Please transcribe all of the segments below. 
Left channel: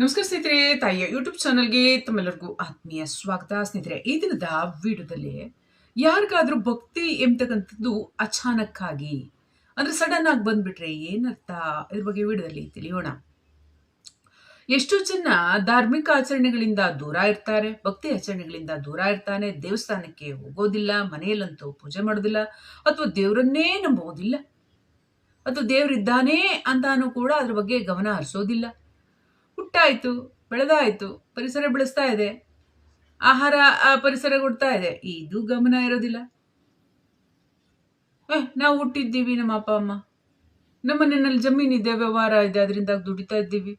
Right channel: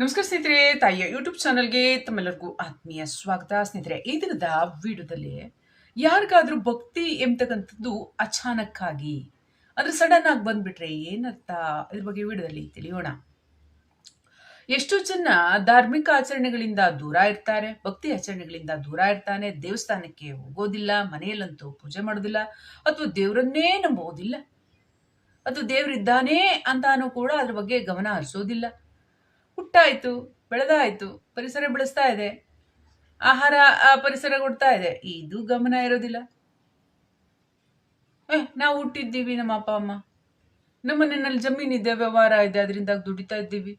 ನಮಸ್ಕಾರ ಸ್ನೇಹಿತರೆ, ತಾಯಿಯ ಯೂಟ್ಯೂಬ್ ಚಾನಲ್ಗೆ ತಮ್ಮೆಲ್ಲರಿಗೂ ಆತ್ಮೀಯ ಸ್ವಾಗತ. ಸ್ನೇಹಿತರೆ, ಈ ದಿನದ ವಿಡಿಯೋದಲ್ಲಿ ಯಾರಿಗಾದ್ರೂ ಭಕ್ತಿ ಎಂಬತಕ್ಕಂಥದ್ದು ಅಚಾನಕ್ಕಾಗಿ, ಅಂದ್ರೆ ಸಡನ್ ಆಗಿ ಬಂದ್ಬಿಟ್ರೆ ಏನರ್ಥ? ಇದ್ರ ಬಗ್ಗೆ ವಿಡಿಯೋದಲ್ಲಿ ತಿಳಿಯೋಣ. ಎಷ್ಟು ಜನ ಧಾರ್ಮಿಕ ಆಚರಣೆಗಳಿಂದ ದೂರ ಇರ್ತಾರೆ, ಭಕ್ತಿ ಆಚರಣೆಗಳಿಂದ ದೂರ ಇರ್ತಾನೆ, ದೇವಸ್ಥಾನಕ್ಕೆ ಹೋಗೋದಿಲ್ಲ, ಮನೆಯಲ್ಲಂತೂ ಪೂಜೆ ಮಾಡೋದಿಲ್ಲ, ಅಥವಾ ದೇವರನ್ನೇ ನಂಬೋದಿಲ್ಲ ಅಥವಾ ದೇವರಿದ್ದಾನೆ ಅಂತಾನೂ ಕೂಡ ಅದ್ರ ಬಗ್ಗೆ ಗಮನ ಹರಿಸೋದಿಲ್ಲ. ಹುಟ್ಟಾಯ್ತು, ಬೆಳೆದಾಯಿತು, ಪರಿಸರ ಬೆಳೆಸ್ತಾ ಇದೆ. ಆಹಾರ ಪರಿಸರ ಕೊಡ್ತಾ ಇದೆ. ಇದು ಗಮನ ಇರೋದಿಲ್ಲ. ಏ, ನಾವು ಹುಟ್ಟಿದ್ದೀವಿ ನಮ್ಮ ಅಪ್ಪ, ಅಮ್ಮ. ನಮ್ಮ ಮನೆಯಲ್ಲಿ ಜಮೀನಿದೆ, ವ್ಯವಹಾರ ಇದೆ ಅದರಿಂದ ದುಡಿತಾ ಇದ್ದೀವಿ.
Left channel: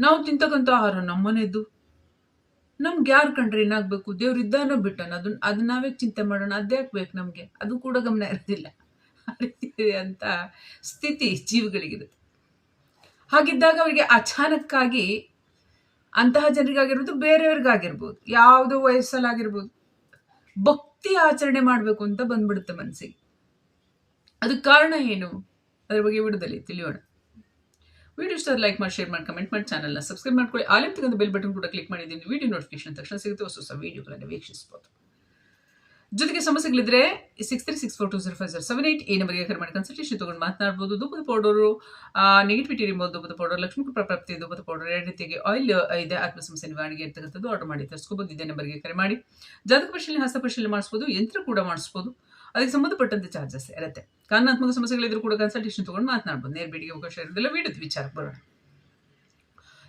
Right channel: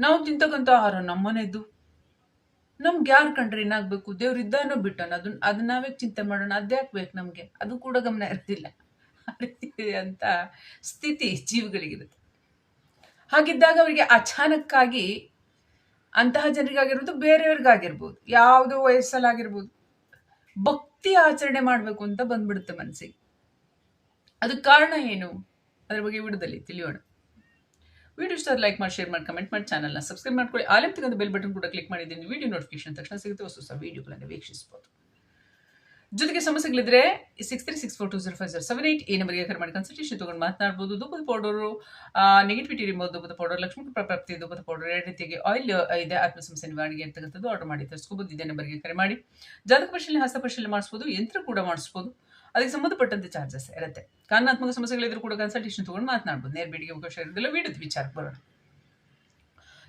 ನಾವು ತಿಂತಕ್ಕಂಥ ಆಹಾರ ನಮ್ಮನೆದ್ದು ನಮ್ಗೆ ಯಾರು ಕಂಡ್ರೆ ಏನಾಗಬೇಕು? ದೇವ್ರು ಇದ್ದಾನೋ ಬಿಟ್ಟನ ಅದನ್ನ ಅದನ್ನ ನಾವೇ ಚಿಂತೆ ಮಾಡೋಣ. ಅದ್ಯಾಕೆ ಬೇಕು ನಮಗೆ? ಅದು ಕೂಡ ಗಮನ ಇರೋದಿಲ್ಲ. ಅಂತ ಸ್ಥಿತಿ ಜೀವಿಗಳಿಗಿರುತ್ತೆ. ಹಾಗಿದ್ದಾಗ ಅವರಿಗೆ ಅಚಾನಕ್ಕಾಗಿ ಅಂತಹ ಜನರಿಗಾಗಿರ್ಬೋದು, ಬೇರೆಯವ್ರಿಗಾಗಿರ್ಬೋದು, ಯಾವುದೋ ವಯಸ್ಸಲ್ಲಾಗಿರ್ಬೋದು, ಭಕ್ತಿ ಆಚರಣೆ ಮಾಡಬೇಕು ಅಂತ ಬಂದ್ಬಿಡುತ್ತೆ ಮನಸ್ಸಿಗೆ ಅದಕ್ಕೆ ಕಾರಣ ಏನು? ಅದ್ರ ಬಗ್ಗೆ ವಿಡಿಯೋದಲ್ಲಿ ತಿಳಿಯೋಣ. ವಿಡಿಯೋ ಇಷ್ಟ ಲೈಕ್ ಮಾಡಿ, ಶೇರ್ ಮಾಡಿ, ಕಮೆಂಟ್ ಮಾಡಿ, ಚಾನಲ್ನ ಸಬ್ಸ್ಕ್ರೈಬ್ ಮಾಡ್ಕೊಳ್ಳಿ. ತೆಗೆದು ಬೆಲ್ ಬಟನ್ ಕೂಡ ಕ್ಲಿಕ್ ಮಾಡಿದ್ದೀನಿ. ವಿಡಿಯೋ ನೋಟಿಫಿಕೇಶನ್ ತಕ್ಷಣ ಸಿಗುತ್ತೆ ಹೊಸ ಹೊಸ ವೀಡಿಯೋಗಳನ್ನು ವೀಕ್ಷಿಸಬಹುದು ಜೊತೆಗೆ ಸಮಸ್ಯೆಗಳಿದ್ರೆ six three six four two zero five zero seven eight ಈ ನಂಬರ್ಗೆ ಕರೆ ಮಾಡಿ ಕನ್ಸಲ್ಟೇಷನ್ ತೊಗೊಂಡು ಮಾತನಾಡ್ಬೋದು. ಧೂಪದ ಪೌಡರು ನೆಗೆಟಿವಿಟಿ ರಿಮೋವ್ ಧೂಪದ ಪೌಡರ್ ಲಕ್ಷ್ಮೀ ಪ್ರಾಪ್ತಿ ಧೂಪದ ಪೌಡರ್ ಎರಡು ರೀತಿಯಾಗಿ ಆಯಿಲ್ ಇದೆ. ಆತ್ಮ ಸಮಸ್ಯೆ ನಿವಾರಣೆಗೆ ಅಂತಕ್ಕಂಥದ್ದು ಆರ್ಡರ್ ಮಾಡಿ, ತರಿಸ್ಕೋಬೋದು. ಇದೇ ನಂಬರ್ಗೆ ಕರೆ ಮಾಡಿ. ಜಾತಕ ಪರಿಶೀಲನೆ, ಹಸ್ತ ಪರಿಶೀಲನೆ ಮಾಡಿಸ್ಬೋದು. ಯಂತ್ರ ಕೂಡ ಮಾಡಿಸ್ಬೋದು. ಅದಕ್ಕೆ ಸಂಬಂಧಪಟ್ಟಂತೆ ಚಾರ್ಜಸ್ ಇರುತ್ತೆ. ಕಾನೂನಾತ್ಮಕ ಸಮಸ್ಯೆಗಳಿದ್ರು ಕೂಡ ಕನ್ಸಲ್ಟೇಷನ್ ತೊಗೊಂಡು ಮಾತನಾಡ್ಬೋದು. ನೇರ ಅವಕಾಶ ಇರೋದಿಲ್ಲ. ವಿಡಿಯೋದ ವಿಚಾರಕ್ಕೆ ಬರೋಣ.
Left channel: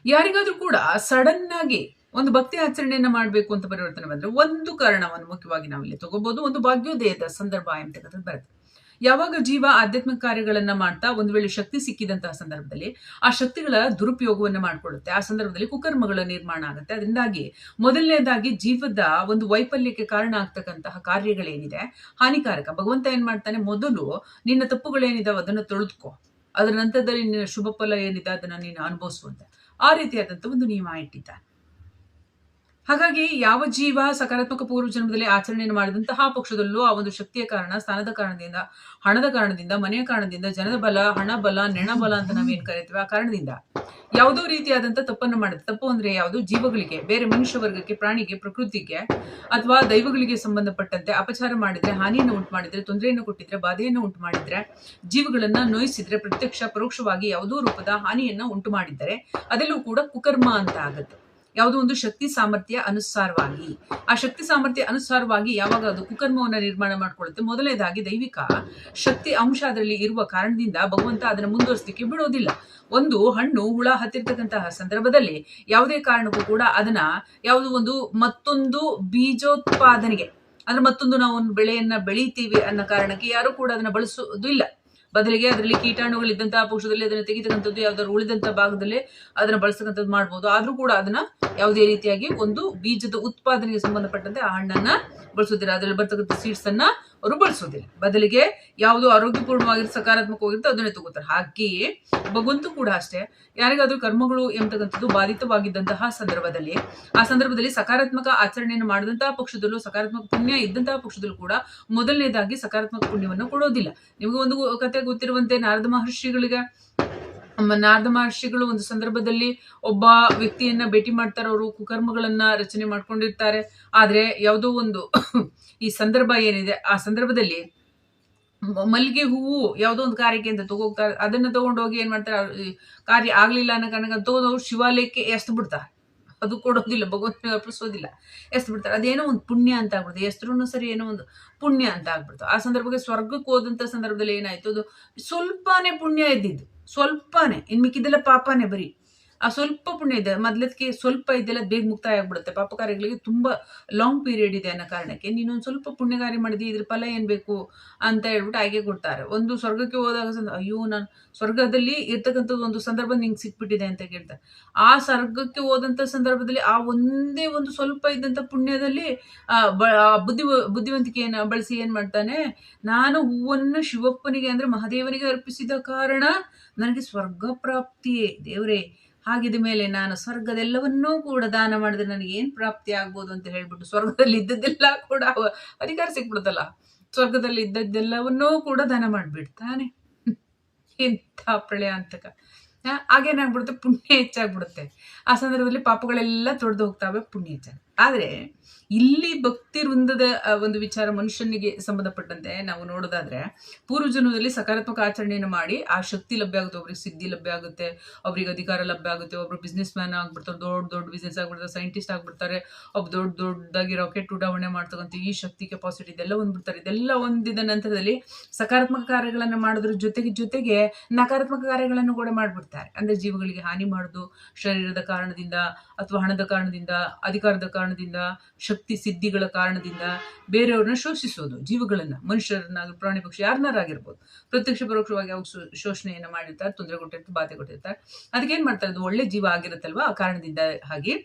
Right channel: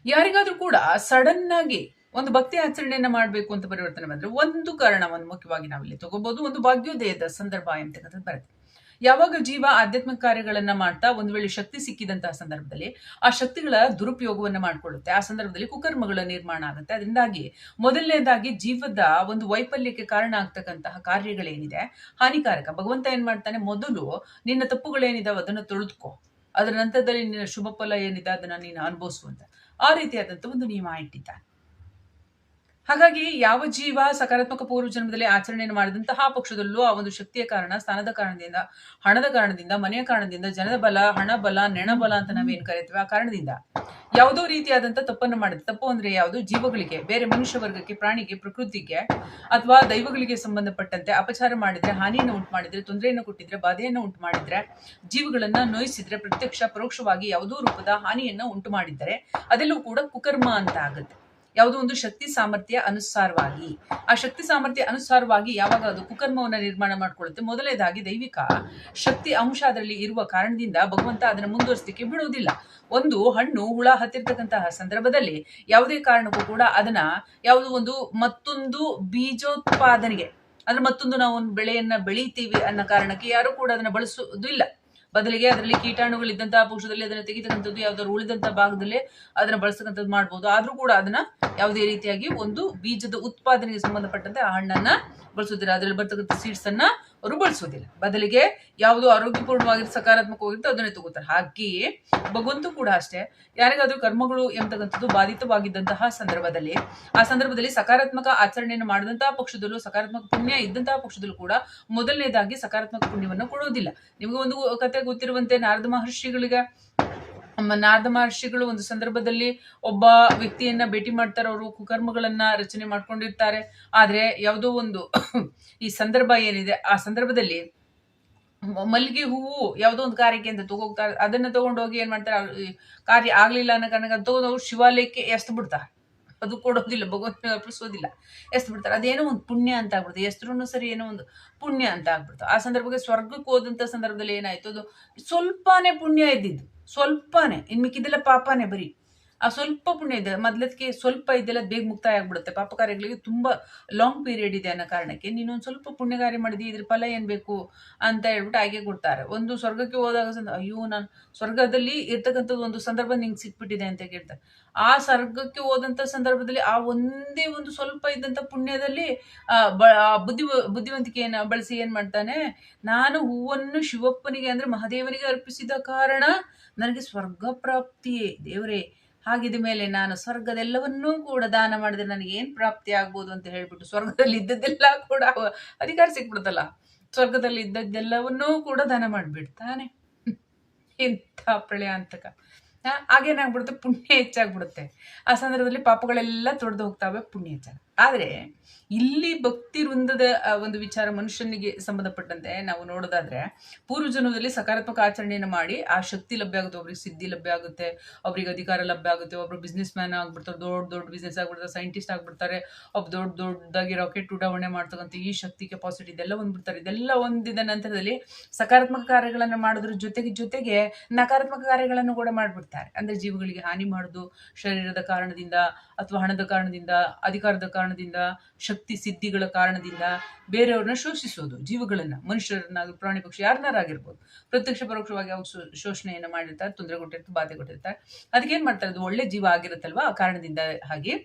ಯಾರಿಗಾದರೂ ಕೂಡ ಸಡನ್ ಆಗಿ ಒಂದು ಭಕ್ತಿ ಆಚರಣೆಯನ್ನ ಮಾಡಬೇಕು ಅಂತ ಪರಿವರ್ತನೆ ಬಂದ್ರೆ ಒಂದು ಕಾರಣವನ್ನು ಮುಖ್ಯವಾಗಿ ನಾವಿಲ್ಲಿ ತಗೋಬಹುದು ಒಂದು ಭಾಗ್ಯೋದಯದ ಸಂದರ್ಭ ಅಂತಕ್ಕಂಥದ್ದು ಬರುತ್ತೆ. ಯಾವಾಗ ಜೀವ ಆಧ್ಯಾತ್ಮಿಕ ಕಾರ್ಯಗಳನ್ನ ಮಾಡ್ತಾ ಒಂದು ವೇಳೆ ಶಕ್ತಿ ಸಿಕ್ಕಿದಂತಹ ಸಂದರ್ಭದಲ್ಲಿ ಆ ಶಕ್ತಿಗಳ ದುರುಪಯೋಗವನ್ನ ಮಾಡಿಕೊಳ್ಳುತ್ತೆ. ಆ ಸಂದರ್ಭದಲ್ಲಿ ಕುಕರ್ಮಗಳ ನಿರ್ಮಾಣ ಆಗುತ್ತೆ. ಅದರಿಂದಾಗಿ ಮೊದಲನೇದಾಗಿ ಜೀವದ ಒಂದು ವೈಫಲ್ಯಕ್ಕೆ ಕಾರಣ ಆಗ್ತಕ್ಕಂತಹ ಕಾರ್ಯಗಳೇನಿದೆ? ಹಾನಿಕಾರಕ. ಭಗವಂತ ಏನ್ ಮಾಡ್ತಾನೆ? ಮೊದಲು ನಿನ್ನ ತಪ್ಪುಗಳೇನಿದಾವೆ ಅದನ್ನು ತೊಳೆದುಕೋ. ಅದರ ನಂತರದಲ್ಲಿ ನಿನ್ನ ಶುಭ ಫಲ ಏನಿದೆ ಅದನ್ನು ನೀನು ಅನುಭವಿಸುವಂತ ಆ ರೀತಿಯಾದಂಥ ಒಂದು ನಿಯಮ ಇಟ್ಟಿದ್ದಾನೆ. ಹಾಗಾಗಿ ಯಾವ ಜೀವ ಸಕಾರಾತ್ಮಕ ಪೂರ್ವ ಜನ್ಮದಲ್ಲಿ ಆಚರಣೆಯನ್ನು ಮಾಡಿದಂತಹ ಪಕ್ಷದಲ್ಲೂ ಆ ಒಂದು ಶಕ್ತಿಯ ಕಾರಣ, ಸ್ಥಾನದ ಕಾರಣದಿಂದ, ಹಣದ ಕಾರಣದಿಂದ, ಮನೆಯ ಕಾರಣದಿಂದ ಜನದ ಬಲ, ಹಣ ಬಲ, ನೆಣ ಬಲ ಅಂತ ನಾವೇನು ಕರಿತೀವಿ ಆ ಕಾರಣದಿಂದ. ಯಾವುದೋ ರೀತಿಯಾದಂಥ ತಪ್ಪನ್ನು ಮಾಡುತ್ತೆ ತಪ್ಪು ಅಂದ್ರೆ ಯಾವುದು? ಜೀವಗಳಿಗೆ, ಬೇರೆ ಮನುಷ್ಯ ವರ್ಗಕ್ಕೆ ಪ್ರಾಣಿಗೆ, ಪ್ರಕೃತಿಗೆ ಅಥವಾ ದೈವಗಳಿಗೆ ಸಂಬಂಧಪಟ್ಟಂತೆ ಅಪಚಾರ ಮಾಡಿದ್ರೆ, ಹಾನಿಯನ್ನು ಉಂಟು ಮಾಡಿದ್ರೆ ತೊಂದರೆಯನ್ನು ಕೊಟ್ಟಿದ್ರೆ, ಬಾಧೆಯನ್ನು ಉಂಟು ಮಾಡಿದ್ರೆ ಜೀವಗಳನ್ನ ನೋಯಿಸಿದ್ರೆ, ಪ್ರತ್ಯಕ್ಷ, ಪರೋಕ್ಷವಾಗಿ ಯಾವುದೋ ರೂಪದ ಹಾನಿಯನ್ನ ಉಂಟು ಮಾಡಿದ್ದರೆ ಅದೆಲ್ಲೂ ಕೂಡ ಕುಕರ್ಮ ಅಂತ ಆಗುತ್ತೆ. ಯಾವುದೋ ಒಂದು ಶಕ್ತಿ ಸಾಮರ್ಥ್ಯ ಅನುಸಾರವಾಗಿ. ಆ ಶಕ್ತಿ ಸಾಮರ್ಥ್ಯ ಅನುಸಾರವಾಗಿ ಯಾವಾಗ ಅದು ಕುಕರ್ಮವನ್ನು ನಿರ್ಮಾಣ ಮಾಡಿಕೊಳ್ಳುತ್ತೆ? ಮೊದಲನೇದಾಗಿ ದೈವಿಕ ಶಕ್ತಿ ಅಂಶ ಅದರಲ್ಲಿ ಇರುವ ಕಾರಣದಿಂದ ಭಗವಂತ ಅದನ್ನು ಮುಂದುವರಿಸಲಿಕ್ಕೆ ಬಿಡುವುದಿಲ್ಲ ಒಂದು ಹಣ್ಣು, ಹುಳ ಹತ್ತಿರ್ತಕ್ಕಂತಹ ಸಂದರ್ಭದಲ್ಲಿ ಯಾವುದೇ ಕಾರಣಕ್ಕೂ ಕೂಡ ಅದನ್ನ ಯಾವುದೋ ಒಂದು ಮತ್ತೊಂದು ಬೀಜೋತ್ಪಾದನೆಗೆ, ಅಂದ್ರೆ ಮತ್ತೊಂದು ನಾವು ಒಂದು ಬೆಳೆಯನ್ನ ಬೆಳಿತೀವಿ ಅನ್ನೋ ಕಾರಣಕ್ಕೆ ಯಾರು ಕೂಡ ಅದನ್ನ ಬಳಸುವುದು ಇಲ್ಲ ಬದಲಿಗೆ ಅದರಲ್ಲಿ ಕೀಟಾಣುಗಳಿದ್ದಂತಹ ಪಕ್ಷದಲ್ಲಿ ಅದನ್ನ ತೆಗಿತಕ್ಕಂಥದ್ದು ಯಾವ್ದಾದ್ರು ಉಳಿದಂತಹ ಭಾಗದಲ್ಲಿ ಅದನ್ನ ಬಳಸ್ತಕ್ಕಂಥದ್ದು ಮಾಡ್ಬೋದು. ಆದ್ರೂ ಕೂಡ ಅದನ್ನ ಯಾವುದೇ ರೀತಿಯಾಗಿ ಒಂದು ಬೀಜದ ಉತ್ಪಾದನೆಗೆ ಸಂಬಂಧಪಟ್ಟಂತೆ ಆ ಹಣ್ಣನ್ನ ಬಳಸೋದಿಲ್ಲ ಅದರಲ್ಲಿ ಬರ್ತಕ್ಕಂಥ ಸೀಡ್ಸ್ ಅನ್ನ ಅವರು ಬಳಸೋದಿಲ್ಲ ಬದಲಿಗೆ ಯಾವುದು ಆರೋಗ್ಯಪೂರ್ಣವಾಗಿ ಸಕಾರಾತ್ಮಕವಾಗಿರುತ್ತೆ ಅದನ್ನೇ ತಗೋತಾರೆ. ಹಾಗೆಯೇ ಭಗವಂತ ಕೂಡ ಅಷ್ಟೇ. ಯಾರಿಗಾದ್ರೂ ಕರ್ಮಗಳು ಎಂಬತಕ್ಕಂಥದ್ದು ಬಾಧಿತವಾಗಿದ್ದಂತಹ ಸಂದರ್ಭದಲ್ಲಿ, ಆ ಸಂದರ್ಭದಲ್ಲಿ ಸಕಾರಾತ್ಮಕ ಆಚರಣೆಯನ್ನು ಮಾಡಿದಂತಹ ಪಕ್ಷದಲ್ಲೂ, ಸಕಾರಾತ್ಮಕ ಪುಣ್ಯ ಇದ್ದಂತಹ ಪಕ್ಷದಲ್ಲೂ ಕೂಡ ಮೊದಲನೇದಾಗಿ ಸಕಾರಾತ್ಮಕ ಪುಣ್ಯವನ್ನು ಕೊಡೋದಿಲ್ಲ. ನಿಮಗೆ ಒಂದು ಕತೆ ಗೊತ್ತಿರುವಂತೆ ನಾರದ ಮಹರ್ಷಿಗಳಿಗೆ ನಾರದ ಮಹರ್ಷಿಗಳು ಒಂದು ಸಂದರ್ಭದಲ್ಲಿ ಒಬ್ಬ ವ್ಯಕ್ತಿಯನ್ನ ಭೇಟಿ ಮಾಡ್ತಾರೆ. ಅವರು ಕುಕರ್ಮಗಳನ್ನ ರಚನೆ ಮಾಡ್ಕೊಂಡಿರ್ತಾರೆ. ಆದ್ರೆ ಯಾವುದೋ ಒಂದು ಈ ಸಂದರ್ಭ ಏನಿದೆ, ಆ ಸಂದರ್ಭದಲ್ಲಿ ಮಲ್ಲಿಗೆ ಹೂವು ಯಾವುದೋ ಒಂದು ಕಾರ್ಯಕ್ಕೆ ಅಂತ ತಗೋಗ್ತಾರೆ. ಅದನ್ನ ತಗೊಂಡೋಗಿ ಏನ್ ಮಾಡ್ತಾರೆ ಕಾರ್ಯ ಆಗ್ಲಿಲ್ಲ ಅನ್ನೋ ಕಾರಣಕ್ಕೆ ತಗೊಂಡು ಶಿವಾಲಯಕ್ಕೆ ಎಸ್ದು ಬಿಡ್ತಾರೆ. ಅದು ಕೊಡೋದಿಲ್ಲ ಭಗವಂತನ ಅರ್ಪಿಸೋದಿಲ್ಲ. ಎಸ್ದು ಬಿಡ್ತಾರೆ ಅದೇನೋ ಒಂದು ಪುಣ್ಯ ಅಂತ ಆಗ್ಬಿಡ್ತು. ಎಸ್ತ್ರೂ ಸರಿ ಏನೋ ಒಂದು ಪುಣ್ಯ ಅಂತ ಆಗ್ಬಿಡ್ತು. ಆ ಸಂದರ್ಭಕ್ಕೆ ಸ್ವರ್ಗಕ್ಕೆ ಹೋದಂಥ ಸಂದರ್ಭದಲ್ಲಿ ಏನಾಯ್ತು? ಅದು ಸ್ವಲ್ಪನೇ ಪುಣ್ಯ ಇದ್ದಿದ್ದು. ಸ್ವಲ್ಪನೇ. ಇನ್ ಮಿಕ್ಕಿದ್ದೆಲ್ಲ ಪಾಪನೇ ಬರೀ. ಆ ಸ್ವಲ್ಪ ಪುಣ್ಯ ಇದೆ. ಮೊದ್ಲದಕ್ಕೆ ಸ್ವಲ್ಪ ಇದೆಲ್ಲ ಬೇಗ ಮುಕ್ತಾಯ ಆಗ್ಬಿಡುತ್ತೆ. ಪಾಪ ಕಾರ್ಯಗಳಿಗೆ ತುಂಬ ಲಾಂಗ್ ಪೀರಿಯಡ್ ಇದೆ ಅನ್ನೋ ಕಾರಣಕ್ಕೆ ನೀನು ಒಂದು ಸ್ವಲ್ಪ ಪುಣ್ಯ ಕಾರ್ಯ ಮಾಡಿದಿ, ಇದ್ರ ಫಲ ಏನು ಬೇಕು ಅಂತ ಹೇಳ್ಬಿಟ್ಟು ಹಾಗೆ ಕೊಡ್ತಾರೆ. ಒಂದು ಸ್ವರ್ಗಕ್ಕೆ ಹೋದಾಗ ಅಯ್ಯೋ ನಾನು ಸ್ವರ್ಗದಲ್ಲಿ ಇರ್ತಕ್ಕಂಥದ್ದು ಒಂದು ಸಂದರ್ಭ ನಿಂಗೆ ಸಿಕ್ಬಿಟ್ಟಿದೆ ಅಂತ ಕೇಳ್ತಾರೆ ಆ ಸ್ವರ್ಗಕ್ಕೆ ಹೋದಂಥ ಸಂದರ್ಭದಲ್ಲಿ ಆ ಒಂದೇ ಒಂದು ಸ್ವಲ್ಪ ಇದ್ದಂತ ಪುಣ್ಯದಲ್ಲಿ ಬುದ್ಧಿ ಬುದ್ಧಿವಂತಿಕೆಯನ್ನು ಬಳಸಿ ಏನು ಮಾಡ್ತಾನೆ, ನಾನು ಹೂವನ್ನು ಶಿವಪ್ಪನಿಗೆ ಅಂದ್ರೆ ಮಹಾದೇವನಿಗೆ ಅರ್ಪಿಸಿದ ಕಾರಣ ನನಗೆ ಸ್ವರ್ಗ ಪ್ರಾಪ್ತಿಯೇ ದೇವರೇ. ಹಾಗಿದ ಮೇಲೆ ನಾನು ಸ್ವರ್ಗದೆಲ್ಲವನ್ನೂ ಕೂಡ ದಾನ ಮಾಡಿದ್ರೆ ನನಗೆ ಏನು ಪ್ರಾಪ್ತಿ ಆಗ್ಬೋದು ಅಂತ ಹೇಳ್ಬಿಟ್ಟು ಸ್ವರ್ಗದಲ್ಲಿ ಇದ್ದದ್ದೆಲ್ಲ ಕೂಡ ಅಧಿಕಾರ ಸಿಕ್ಬಿಡ್ತಲ್ಲ ಸ್ವರ್ಗದಲ್ಲಿ ಇದ್ದದ್ದೆಲ್ಲವನ್ನೂ ಕೂಡ ದಾನ ಮಾಡಿಬಿಡ್ತಾನೆ. ಎಂಥ ಪ್ರಳಯ ಅಂತಕ ಹಾಗೇನಾಗ್ಬಿಡುತ್ತೆ? ಪುಣ್ಯ ಹೆಚ್ಚಾಗ್ಬಿಡುತ್ತೆ. ಆ ಸಂದರ್ಭದಲ್ಲಿ ಪಾಪಗಳೆಲ್ಲ ತೊಡೆದು ಹೋಗ್ತಾವೆ, ಪುಣ್ಯ ಹೆಚ್ಚಾಗ ಆದರೆ ಇಲ್ಲಿ ಭಕ್ತಿ ವೃಂದದ ಒಂದು ವಿಚಾರ ಮನುಷ್ಯನಿಗೆ ಸಂಬಂಧಪಟ್ಟಂತೆ ನಾವು ನೋಡೋದಾದ್ರೆ ಪೂರ್ವ ಜನ್ಮದಲ್ಲಿ ಸಕಾರಾತ್ಮಕ ಆಚರಣೆಯನ್ನು ಮಾಡಿ, ಆ ಶಕ್ತಿ ಲಭ್ಯ ಆಗುತ್ತೆ ಒಬ್ರಿಗೆ ಸಿದ್ಧಿ ಲಭ್ಯ ಆಗುತ್ತೆ, ಅವ್ರಿಗೆ ಅಧಿಕಾರ ಲಭ್ಯ ಆಗುತ್ತೆ, ಒಬ್ರು ಬಿಸ್ನೆಸ್ ಮ್ಯಾನ್ ಆಗ್ಬಿಡ್ತಾರೆ, ದೊಡ್ಡ ದೊಡ್ಡ ಬಿಸ್ನೆಸ್ ಆಗ್ಬಿಡ್ತಾರೆ ಸೈಂಟಿಸ್ಟ್ ಆಗ್ಬಿಡ್ತಾರೆ ಒಬ್ಬ ದೊಡ್ಡ ದೊಡ್ಡದಾಗಿ ರಾಕೆಟ್ ಉಡಾವಣೆ ಮಾಡ್ತಕ್ಕಂಥ ಈ ಶಕ್ತಿ ಕೆಪಾಸಿಟಿ ಇದೆಲ್ಲ ಒಂದ್ಬಿಡ್ತಾರೆ ಇದೆಲ್ಲ ಒಂದಿದ ನಂತರದಲ್ಲಿ ಸಕಾರಾತ್ಮಕ ಕಾರ್ಯಗಳನ್ನು ಮಾಡೋದ್ರ ಜೊತೆಗೆ ಜೊತೆಗೆ ನಕಾರಾತ್ಮಕ ಕಾರ್ಯಗಳನ್ನು ಕೂಡ ಮಾಡ್ಬಿಡ್ತಾರೆ. ಅಂದ್ರೆ ಜೀವಗಳಿಗೆ ಹಾನಿ ಮಾಡೋದು, ಶರೀರದ ಕಾರಣದಿಂದ ಅಥವಾ ಹಣದ ಕಾರಣದಿಂದ, ಅಧಿಕಾರದ ಕಾರಣದಿಂದ, ಶಕ್ತಿ ಸಿದ್ಧಿಗಳ ಕಾರಣದಿಂದ ಬೇರೆಯವ್ರನ್ನ ಶೋಷಿಸೋದು, ಜೀವಗಳನ್ನ ಮನುಷ್ಯರನ್ನ ಪ್ರಾಣಿ ಪಕ್ಷಿ ಯಾರನ್ನಾರಾಗಿರ್ಬೋದು. ಪ್ರತ್ಯಕ್ಷ ಪರೋಕ್ಷವಾಗಿ ಅವ್ರು ಶೋಷಣೆಯನ್ನ ಮಾಡಿರ್ತಾರೆ ತೊಂದರೆ ಕೊಟ್ಟಿರ್ತಾರೆ ಬಾಧೆ ಕೊಟ್ಟಿರ್ತಾರೆ ಅದಕ್ಕೆ ಏನ್ ಮಾಡ್ತಾರೆ? ಅದು ಒಳ್ಳೆ ಜೀವ ಆಗಿರುತ್ತಲ್ವಾ? ಆ ಕಾರಣದಿಂದ ಹಾಗೆ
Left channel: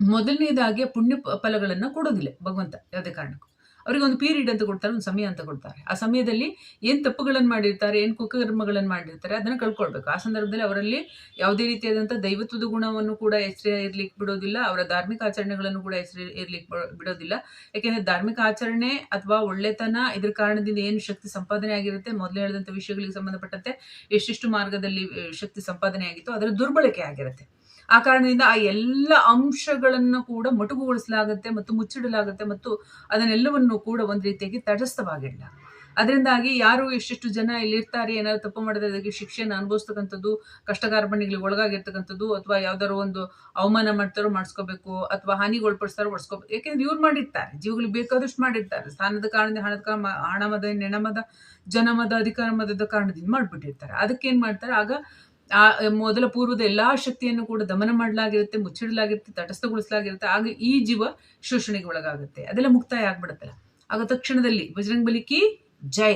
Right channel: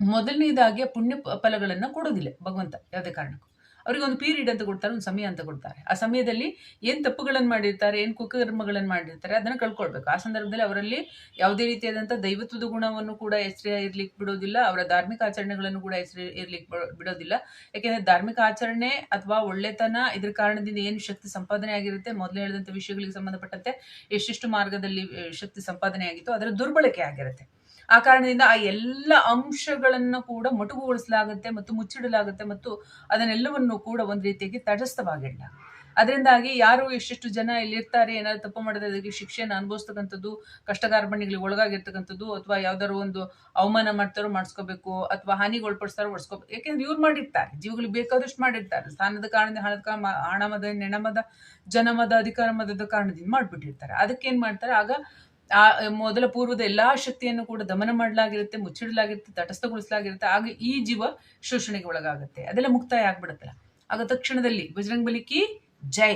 ಮೊದಲನೇದಾಗಿ ಪುಣ್ಯ ಫಲಗಳನ್ನ ಕೊಡೋದಿಲ್ಲ ಭಗವಂತ ಯಾವುದೇ ಕಾರಣಕ್ಕೂ. ಅವರಿಗೆ ಒಂದು ಪೀರಿಯಡ್ ಅಂತ ಕೊಡ್ತಾರೆ, ಒಂದು ಸಮಯ ಅಂತ ಕೊಡ್ತಾರೆ. ಆ ಸಮಯದಲ್ಲಿ ಏನು ತಪ್ಪುಗಳನ್ನು ಮಾಡಿರ್ತಾರೆ, ಏನು ಕುಕರ್ಮಗಳನ್ನು ಮಾಡಿರ್ತಾರೆ, ಅದನ್ನು ಕಳ್ಕೊಳ್ಬೇಕು. ಆ ಸಂದರ್ಭದಲ್ಲಿ ಅವರಲ್ಲಿ ಯಾವುದೇ ರೀತಿಯಾದಂಥ ದೈವತ್ವದ ಗುಣವನ್ನು ಕೂಡ ಹೆಸರು ಇರ್ಲಿಕ್ಕೆ ಬಿಡೋದಿಲ್ಲ, ಅವರ ಧಾರ್ಮಿಕ ಆಚರಣೆಗಳನ್ನು ಕೂಡ ಹೆಸರು ಇರ್ಲಿಕ್ಕೆ ಬಿಡೋದಿಲ್ಲ. ಯಾಕೆಂದರೆ ಧಾರ್ಮಿಕ ಆಚರಣೆ ಅಥವಾ ಒಳ್ಳೆತನ ಇದ್ರ ಕಾರಣದಿಂದ ಏನು ಶಕ್ತಿ ಸಂಪಾದನೆ ಆಗಿರುತ್ತೆ, ಮೊದಲು ಹೇಳಿದಂಥ ವಿಷಯಗಳಿಗೆ ಸಂಬಂಧಪಟ್ಟಂತೆ ಎಷ್ಟೆಷ್ಟು ಮಾರ್ಗದಲ್ಲಿ ಶಕ್ತಿ ಸಂಪಾದನೆ ಆಗಿತ್ತು, ಅದರ ದುರ್ಬಳಕೆ ಆಗಿರುತ್ತೆ. ಆ ಕಾರಣದಿಂದ ಆ ಎಲ್ಲ ಅಂಶಗಳನ್ನು ಕೂಡ ಮೊಟಕುಗೊಳಿಸಲಾಗುತ್ತೆ ಮತ್ತು ಮುಚ್ಚಿಡಲಾಗುತ್ತೆ ಮತ್ತು ಅದನ್ನೆಲ್ಲವನ್ನು ಕೂಡ ಒಂದು ರೀತಿಯಾಗಿ ತಟಸ್ಥವಾಗಿಡಲ. ಅದರಿಂದಾಗಿ ಯಾರು ಎಷ್ಟೆಷ್ಟು ಜನ ಇಲ್ಲಿರ್ತಾರೆ, ಏನಾದ್ರು ತಪ್ಪು ಮಾಡಿದ್ರೆ ಅದಕ್ಕೆ ಶಿಕ್ಷೆಯನ್ನು ಅನುಭವಿಸ್ತಕ್ಕಂಥದ್ದು ಕಷ್ಟ ಕಾರ್ಪಣ್ಯಗಳಿಗೆ ಒಳಗಾಗಿರ್ತಕ್ಕಂಥದ್ದು ಅಥವಾ ಯಾವ್ದಾದ್ರು ಒಂದು ಅವಮಾನ ಮಾಡ್ತಾರೋ ಮಾಡಿಸ್ಕೋಬೇಕು ಅಥವಾ ಹಾನಿಗೊಳಪಡಿಸ್ತಾರೋ ಒಡಿಸ್ಕೋಬೇಕು ಯಾಕೆಂದ್ರೆ ಇವ್ರು ಮಾಡಿರ್ತಾರೆ, ಜೀವಗಳಿಗೆ ಬೇಕಾದಷ್ಟು ಮಾಡಿರ್ತಾರೆ. ಸ್ಥಾನದ ಕಾರಣದಿಂದ ಹಣದ ಹಣಮದ ನೆಣಮದ ಜನಮದ ಅಧಿಕಾರ ಮದದ ಕಾರಣದಿಂದ ಮಾಡ್ಬಿಟ್ಟಿರ್ತಾರೆ. ಏನ್ ಮಾಡ್ತಾರೆ? ಆಗ ಆ, ಮೊದಲ ಪೂರ್ವದ ಎಲ್ಲಾ ಶಕ್ತಿಯನ್ನು ಕೂಡ ದಮನ ಮಾಡಲಾಗಿರುತ್ತೆ, ಮುಚ್ಚಿಡಲಾಗಿರುತ್ತೆ, ತಟಸ್ಥಗೊಳಿಸಲಾಗಿರುತ್ತೆ. ಆಗ ಈ ಜೀವ ಶೋಷಣೆಗೆ ಒಳಗಾಗುತ್ತೆ. ಅದೆಲ್ಲ ಮುಕ್ತಾಯ ಆಗ್ಬಿಡುತ್ತಲ್ಲ. ಆಗ ತಕ್ಷಣದಲ್ಲಿ ಬಜರಂಗ್ ಬಲಿಕಿ ಜೈ.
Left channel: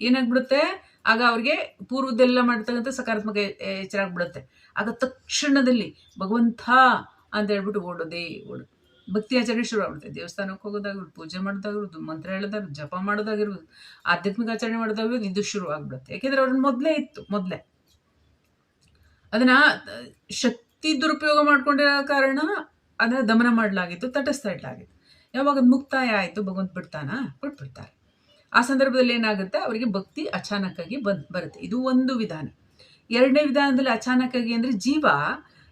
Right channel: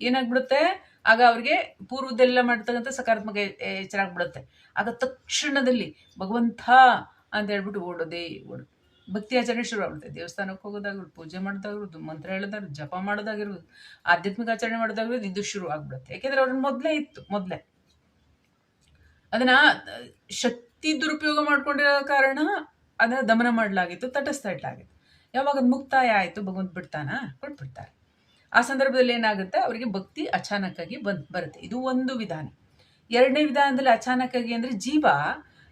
ಏನಾಗ್ಬಿಡುತ್ತೆ? ಆಗ ಅವ್ರಿಗೆ ಪೂರ್ವದೆಲ್ಲ ಮಾಡ್ತಕ್ಕಂಥ ಸಕಾರಾತ್ಮಕ ಎಚ್ಚರ ಆಗ್ಬಿಡುತ್ತೆ. ಆಗ ತಕ್ಷಣದಲ್ಲಿ ಭಗವಂತ ಅಂತ ಹೇಳ್ಬಿಟ್ಟು ಓಡೋದೇ ಓಡೋದು ಭಕ್ತಿ ಆಚರಣೆ ಶುರು ಆಗ್ಬಿಡುತ್ತೆ. ದೇವಸ್ಥಾನಕ್ಕೆ ಹೋಗೋದಾಗಿರ್ಬೋದು, ಪೂಜೆ ಮಾಡೋದಾಗಿರ್ಬೋದು, ಮಂತ್ರ ಹೇಳೋದಾಗಿರ್ಬೋದು, ಜಪ ಮಾಡೋದಾಗಿರ್ಬೋದು, ಆಧ್ಯಾತ್ಮಿಕ ಆಚರಣೆ ಮಾಡೋದಾಗಿರ್ಬೋದು, ಇದು ಶುರು ಆಗ್ಬಿಡುತ್ತೆ. ಯಾಕೆಂದ್ರೆ ಅವ್ರನ್ನ ಮೊದಲೇ ಇತ್ತು, ಮೊದಲೇ. ಅದನ್ನ ಶಕ್ತಿ ದುರುಪಯೋಗ ಮಾಡ್ಕೊಂಡಿರೋ ಕಾರಣ ಅದನ್ನ ದಮನ ಮಾಡಲಾಗಿತ್ತು, ತಟಸ್ಥ ಇಡಲಾಗಿತ್ತು. ಯಾವಾಗ ಅದು ಮುಕ್ತಾಯ ಆಯಿತು, ಭಗವಂತ ಬಿಡ್ತಾನ? ಕೊಟ್ಬಿಡ್ತಾರೆ ಆ ಸಂದರ್ಭದಲ್ಲಿ ಏನಾಗುತ್ತೆ? ಅವರಿಗೆ ಭಕ್ತಿ ಅಚಾನಕ್ಕಾಗಿ ಬಂದ್, ಬರುತ್ತೆ. ಇದು ಒಂದು ವಿಧಾನ. ಎರಡನೇ ವಿಧಾನದಲ್ಲಿ ಅಚಾನಕ್ಕಾಗಿ ಅಂದ್ರೆ ಜೀವ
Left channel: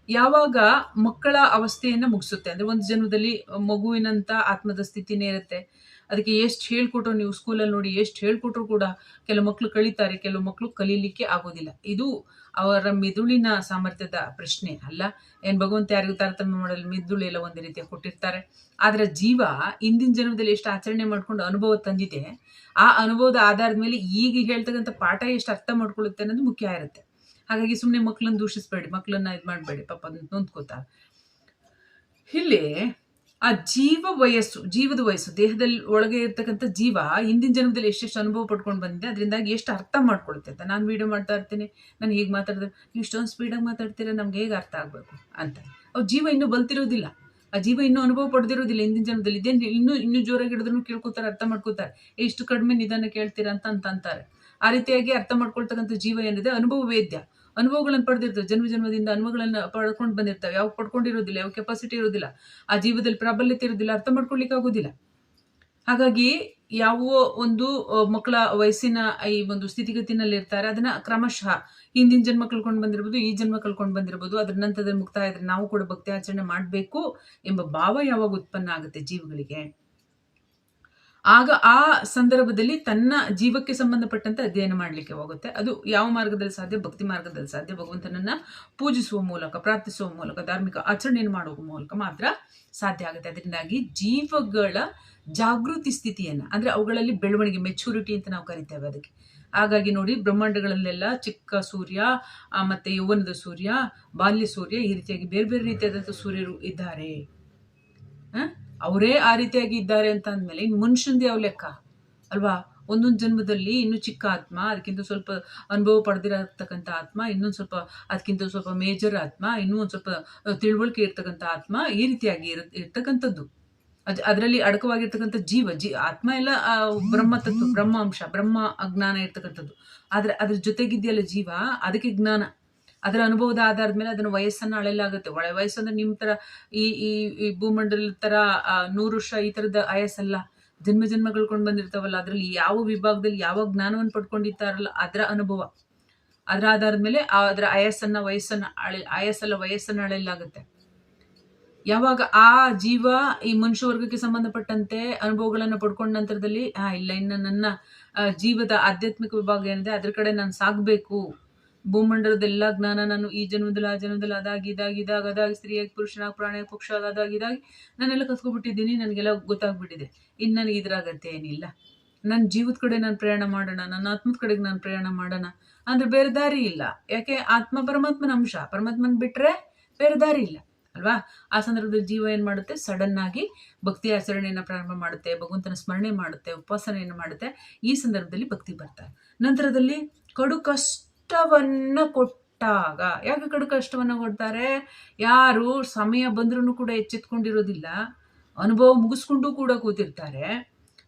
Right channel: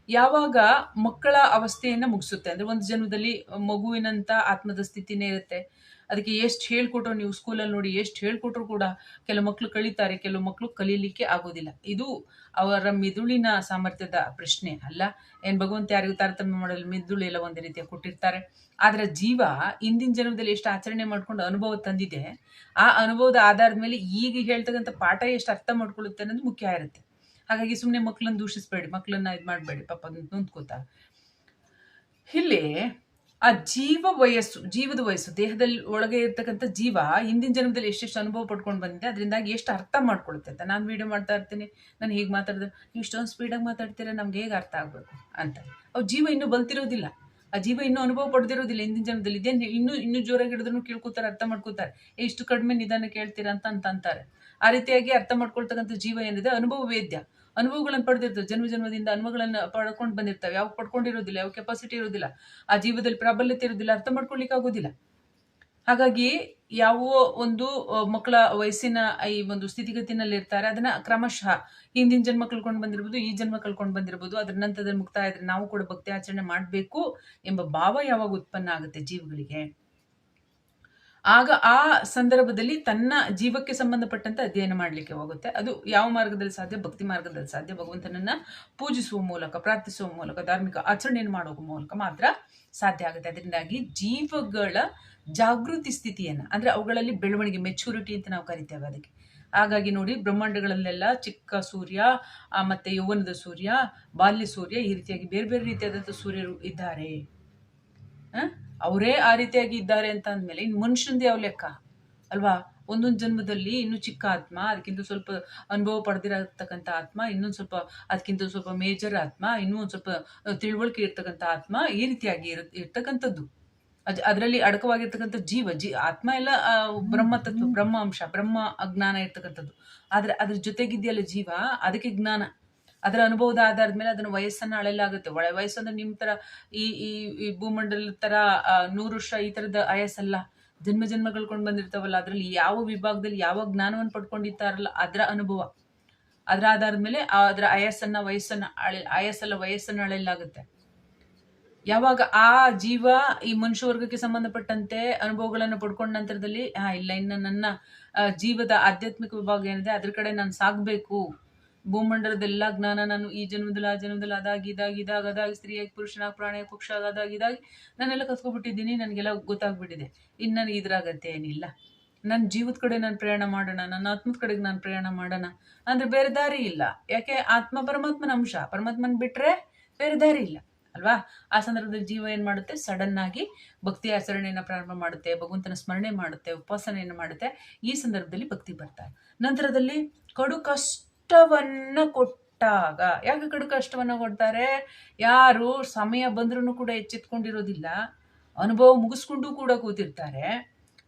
ಯಾವಾಗ ಮಕ್ಕಳ ಅವಸ್ಥೆಯನ್ನು ಮುಗಿಸುತ್ತೆ. ಅಂದ್ರೆ ಒಂದು ಜನ್ಮದಲ್ಲಿ ಮಗುವಿನಂತ ಆತ್ಮದ ಸ್ಥಿತಿನೇ ಇರುತ್ತೆ. ಅದಕ್ಕೆ ಎಷ್ಟು ಹೇಳ್ಕೊಟ್ರು ನೀವು ಸ್ಕೂಲಲ್ಲಿ ನೋಡಿ, ಎಷ್ಟು ಹೇಳ್ಕೊಟ್ರು ಕೂಡ ಕೆಲವು ಮಕ್ಕಳು ಕಲಿತಾರೆ ಕೆಲವು ಮಕ್ಕಳು ಕಲೀಲಿಕ್ಕೆ ಆಗೋದಿಲ್ಲ. ಇದು ಅವರ ಮಿದುಳಿನ ಸಾಮರ್ಥ್ಯದ ಪ್ರಶ್ನೆ ಅಲ್ಲ. ಏನು ಭಗವಂತ ಯಾರಿಗೂ ತಾರತಮ್ಯ ಮಾಡಲು ಮಿದುಳು ಎಲ್ಲ ಒಂದು ರೀತಿಯ ಕೊಟ್ಟಿರ್ತಾರೆ. ಆದರೆ ಜೀವ ಇಂದಿನ ಜನ್ಮದಲ್ಲಿ ಎಷ್ಟು ಆಚರಣೆ ಮಾಡಿಕೊಂಡು ಅನುಭವ ತಂದಿದೆ, ಆ ಅನುಭವದ ಆಧಾರದ ಮೇಲೆ ಈಗ ಹೇಳ್ತಕ್ಕಂಥ ಪಾಠ ಎಷ್ಟು ಅರ್ಥ ಮಾಡ್ಕೊಳ್ಳುತ್ತೆ ಅನ್ನೋದು ಮುಖ್ಯ ಇರುತ್ತೆ. ಹಾಗಾಗಿ ಸುಮ್ಮನೆ ಮಕ್ಕಳನ್ನ ದೂಷಿಸ್ಬೇಡಿ ಮಕ್ಕಳನ್ನ ಇದು ಮಾಡಬೇಡಿ, ಪಾಪ ನೊಂದ್ಕೋತಾ. ಇಲ್ಲಿ ಆ ಜೀವ ವಯಸ್ಸು, ಜೀವದ ವಯಸ್ಸು, ದೇಹದಲ್ಲಿ ಒಳಗೆ ಇರ್ತಕ್ಕಂಥ ಜೀವ ಹಿಂದಿನ ಜನ್ಮದಲ್ಲಿ ಎಷ್ಟೆಷ್ಟು ಅನುಭವ ಪಡ್ಕೊಂಡು ಬಂದಿದೆ, ಅದರಿಂದಾಗಿ ಎಷ್ಟು ಅರ್ಥ ಮಾಡ್ಕೊಳುತ್ತೆ ಅಂತ ನಾನು ವಿಡಿಯೋ ಮಾಡ್ತಾ ಇರ್ತೀನಿ. ನಾನು ಹೀಗೆ ಮಾತಾಡಿದ್ರೆ ನೀವು ಇಷ್ಟೊಂದು ಸ್ಪೀಡಾಗಿ ಮಾತಾಡ್ತೀರಾ, ನಮ್ಗೆ ಹೇಗೆ ಅರ್ಥ ಆಗಬೇಕು ಅಂತ. ಅವು ಜೀವ ಇನ್ನೂ ಬಲ್ತಿರೋದಿಲ್ಲ. ಆ ಜೀವ ಇನ್ನೂ ಅನುಭವ ಪಡೆದಿರೋದಿಲ್ಲ, ಹಿಂದಿನ ಜನ್ಮದಲ್ಲಿ ಇದೇನು ಇನ್ನೂ ಇನ್ನೂ ಜೋರಾಗಿ ಹಿಡಿದ್ರು ಕೇಳ್ಕೊತಾರೆ, ಅರ್ಥ ಮಾಡ್ಕೋತಾರೆ. ಇಷ್ಟು ಕಡಿಮೆ ನಿಧಾನ ಕೇಳ್ತೀರಾ ಅಂತ ಅಂತ ಅಂತಾರೆ. ಆ ರೀತಿಯಾಗಿ ಅರ್ಥ ಮಾಡ್ಕೊಳ್ತಕ್ಕಂಥ ಜೀವ ಏನಿದೆ, ಅನುಭವ ವೇದ್ಯ. ಅನುಭವಗಳನ್ನು ಪಡೆದಿರ್ತವೆ ಜನ್ಮ ಜನ್ಮದಿಂದ ಅನುಭವಗಳನ್ನ ಪಡ್ಕೊಂಡು ಬಂದಿರ್ತವೆ. ಯಾವ ಪಡ್ಕೊಂಡಿರೋದಿಲ್ಲ ಯಾವ ಕೆಪಾಸಿಟಿ ಇರೋದಿಲ್ಲ, ಆ ಜೀವದಲ್ಲಿ ಪ್ರಾಬಲ್ಯತೆ ಇರೋದಿಲ್ಲ, ಅರ್ಥ ಮಾಡ್ಕೊಳ್ಲಿಕ್ಕೆ ಆಗೋದಿಲ್ಲ. ಹಾಗಾಗಿ ಯಾವ ಒಂದು ಮಕ್ಕಳ ವಯಸ್ಸಿನ ಈ ಒಂದು ಸ್ಥಿತಿಗತಿನಲ್ಲಿ ಇರ್ತಾರೆ. ಅದನ್ನ ಕ್ರಮಶಃ ಹಿಂದಿನ ಜನ್ಮ ಕಳ್ಕೊಂಡು ಬಂದಿರ್ಬೋದು, ಈ ಜನ್ಮ ಕಳ್ಕೊಂಡು ಬಂದಿರ್ಬೋದು, ಅದ್ರ ನಂತರದಲ್ಲಿ ಮುಕ್ತಾಯ ಇದ್ರೆ ನಾವು ಕೂಡ ಭಕ್ತಿ ಆಚರಣೆ ಮಾಡಬೇಕು ಎಂಬ ಭಾವ ಯಾವಾಗ ಉತ್ಪನ್ನ ಆಗುತ್ತೆ ಜೀವಗಳಿಗೆ? ಆಗ ಆ ಸಂದರ್ಭದಲ್ಲಿ ತನ್ನ ಜೀವಕ್ಕೆ ಸಂಬಂಧಪಟ್ಟಂತೆ ಅಧ್ಯಯನ ಮಾಡಲಿಕ್ಕೆ ಹೋಗುತ್ತೆ. ಅದು ಯಾವ ಮಾರ್ಗದಲ್ಲಿ ಸಾಧ್ಯ? ಭಕ್ತಿ ಮಾರ್ಗದಲ್ಲಿ ಸಾಧ್ಯ? ಭಗವಂತನನ್ನ ಪೂಜಿಸುವ ಮೂಲಕ, ಪ್ರಾರ್ಥಿಸುವ ಮೂಲಕ, ಧಾರ್ಮಿಕ ಆಚರಣೆಯನ್ನು ಮಾಡುವ ಮೂಲಕ ಮಾತ್ರ ಸಾಧ್ಯ ಆಗುತ್ತೆ. ಅದರಿಂದಾಗಿ ಜೀವಗಳ ಜಾಗೃತಿ ಸ್ಥಿತಿಯನ್ನ, ಅಂದ್ರೆ ಅವುಗಳಲ್ಲಿ ಬೆಳವಣಿಗೆ ಮೆಚುರಿಟಿ ಅಂತ ನಾವು ಕರಿತೇವೆ ಅದಕ್ಕೆ. ಹಾಗಾಗಿ ನೋಡಿ, ಬ್ರಹ್ಮಾಂಡಗಳಲ್ಲೆಲ್ಲ ಚಿಕ್ಕ ಸೂರ್ಯ ಮತ್ತೆ ಯೌವನದ ಸೂರ್ಯ, ಬಾಲ್ಯ ಸೂರ್ಯ ಈ ರೀತಿಯಾಗಿ ಬೇರೆ ಬೇರೆ ರೀತಿಯಾದಂಥ ಸೂರ್ಯರು ಇದ್ದಾರೆ. ಅವರೇ ಆ ರೀತಿಯಾಗಿ ಇದ್ದಾರೆ ಅಂತ ಅಂದಮೇಲೆ ಇನ್ನು ಮನುಷ್ಯಂದು ಯಾವ ಲೆಕ್ಕ. ಅಲ್ವಾ? ಒಂದೊಂದು ಜನ್ಮದಲ್ಲಿ ಇನ್ನೂ ಚಿಕ್ಕ ಆತ್ಮ, ಅದಕ್ಕಿಂತ ಸ್ವಲ್ಪ ಅನುಭವ ಪಡೆದಿರತಕ್ಕಂಥ ಆತ್ಮ, ಇನ್ನೊಂದು ಸ್ವಲ್ಪ ಅದಕ್ಕಿಂತ ಸ್ವಲ್ಪ ಮೇಜರ್ ಆತ್ಮ, ಇನ್ನೂ ಒಂದು ಸ್ವಲ್ಪ ತಿಳುವಳಿಕೆ ಇರ್ತಕ್ಕಂಥ ಆತ್ಮ ಈ ರೀತಿಯಾಗಿ ಇರ, ಇರ್ತಕ್ಕಂಥದ್ದು. ಅದ್, ಅದರಲ್ಲಿ ಅಡಕವಾಗಿರ್ತಕ್ಕಂಥ ಜೀವ, ಜೀ, ಆತ್ಮ ಎಲ್ಲ ಬ್ರಹ್ಮ ತತ್ವ ಬ್ರಹ್ಮ ಅಂಶ ಬ್ರಹ್ಮ ಅಜ್ಞಾನ ಇರ್ತಕ್ಕಂಥದ್ದು. ಆದರೆ ಅದ್ರ ಜೊತೆಗಿದೆಯಲ್ಲ ಜೀವ, ಅದಕ್ಕೆ ಜ್ಞಾನ. ಅದರ ಅನುಭವದ ಆಧಾರದ ಮೇಲೆ ಅದನ್ನ ವಯಸ್ಸನ್ನ ಅಳೆಯಲಾಗುತ್ತೆ. ಒಳ ವಯಸ್ಸು ಅಂದ್ರೆ ನಿಮ್ ತರ ಈ ಈ ಈ ಭೂಮಂಡಲದ ತರ ಆ, ನೂರು ವರ್ಷ ಈ ತರದ ಆಯಸ್ಸಲ್ಲ. ಜನ್ಮ ಜನ್ಮಗಳು ಕೊಂಡು ಬಂದಿರ್ತಾವಲ್ಲ ಅದರಲ್ಲಿ ಯಾವ ವಿಭಾಗದಲ್ಲಿ ಯಾವ ಜ್ಞಾನವನ್ನು ಪಡ್ಕೊಂಡಿರ್ತಾರಲ್ಲ ಅದರ ಅನುಭವ. ಅದರ ಆಧಾರದ ಮೇಲೆ ಅದರ ಆಯಸ್ಸನ್ನ ವಯಸ್ಸನ್ನ ಅಳೆ ಆಯಸ್ಸಲ್ಲ ವಯಸ್ಸನ್ನು ಅಳೆಯಲಾಗುತ್ತೆ. ಯಾವಾಗ ಆ ಜೀವ ಈ ಮನುಷ್ಯ ವರ್ಗಕ್ಕೆ ಸಂಬಂಧಪಟ್ಟಂತೆ ಅನುಭವಗಳನ್ನು ಪಡ್ಕೊಂಡ ನಂತರದಲ್ಲಿ ಹಾ ಇಲ್ಲ ಇನ್ನು ನನ್ನ ಜೀವದ ಆಧ್ಯಾತ್ಮಿಕ ವಿಭಾಗ ಏನಿದೆ ಅದ್ರ ಕಡೆ ನಾನು ಸಾಗಬೇಕು. ಭೂಮಂಡಲದ ಎಲ್ಲ ಜ್ಞಾನ ನಾನು ಈ ಜನ್ಮದಲ್ಲಿ, ಆ ಜನ್ಮದಲ್ಲಿ ಅದಾಗಿ, ಇದಾಗಿ, ಇದಾಗ, ಅದಾಗಿ, ಸ್ತ್ರೀಯಾಗಿ, ಪುರುಷನಾಗಿ, ಪ್ರಾಣಿಯಾಗಿ ಪಕ್ಷ ಅದಾಗಿ, ಇದಾಗಿ ನಾನೆಲ್ಲ ಕಸ್ಕೊಬಿಟ್ಟಿದ್ದೀನಿ ನನಗೆಲ್ಲ ಗೊತ್ತಾಗ್ಬಿಟ್ಟಿದೆ. ಇನ್ನು ನನಗೆ ಇದ್ರ ಅಗತ್ಯ ಏನಿಲ್ಲ ನನ್ನ ಜೀವದ ಕಡೆ ನಾನು ಪ್ರಯಾಣ ಮಾಡೋಣ, ನನ್ನ ಆತ್ಮದ ಕಡೆಗೆ ನಾನು ಪ್ರಯಾಣ ಮಾಡೋಣ ಅಂದರೆ ಬೇರೆ ದಾರಿ ಇಲ್ಲ. ಯಾಕೆ? ಆತ್ಮ ಪರಮಾತ್ಮನ ಅಂಶ. ಪರಮಾತ್ಮನ ಬಿಟ್ಟರೆ ಬೇರೆ ದಾರಿ ಇಲ್ಲ. ಅಲ್ವಾ? ಆ ಸಂದರ್ಭದಲ್ಲಿ ಜೀವ ಏನು ಮಾಡುತ್ತೆ? ಸಡನ್ ಆಗಿ ಭಕ್ತಿ ಆಚರಣೆಯನ್ನು ಪ್ರಾರಂಭ ಮಾಡುತ್ತೆ, ಭಗವಂತನ ಸ್ಮರಣೆ ಮಾಡುತ್ತೆ, ಉಪಾಸನೆಯನ್ನು ಮಾಡುತ್ತೆ. ಈ ಸಂದರ್ಭದಲ್ಲಿ ಭಕ್ತಿ ಬರ್ತಾರೆ ನಂತರದಲ್ಲಿ ಕಡು ಕಷ್ಟವನ್ನ ಕೊಟ್ಟಾಗ, ಯಾಕೆ ಕಡು ಕಷ್ಟವನ್ನು ಕೊಡ್ತಾರೆ? ಯಾರು ಸಮಯ ಬಂದ್ರೂ ಕೂಡ ಎಚ್ಚೆತ್ಕೊಂಡಿರೋದಿಲ್ಲ. ಅನುಭವ ಮುಗಿಸ್ಕೊಂಡು ಕೂಡ ಕೂತಿರ್ತಾರೆ.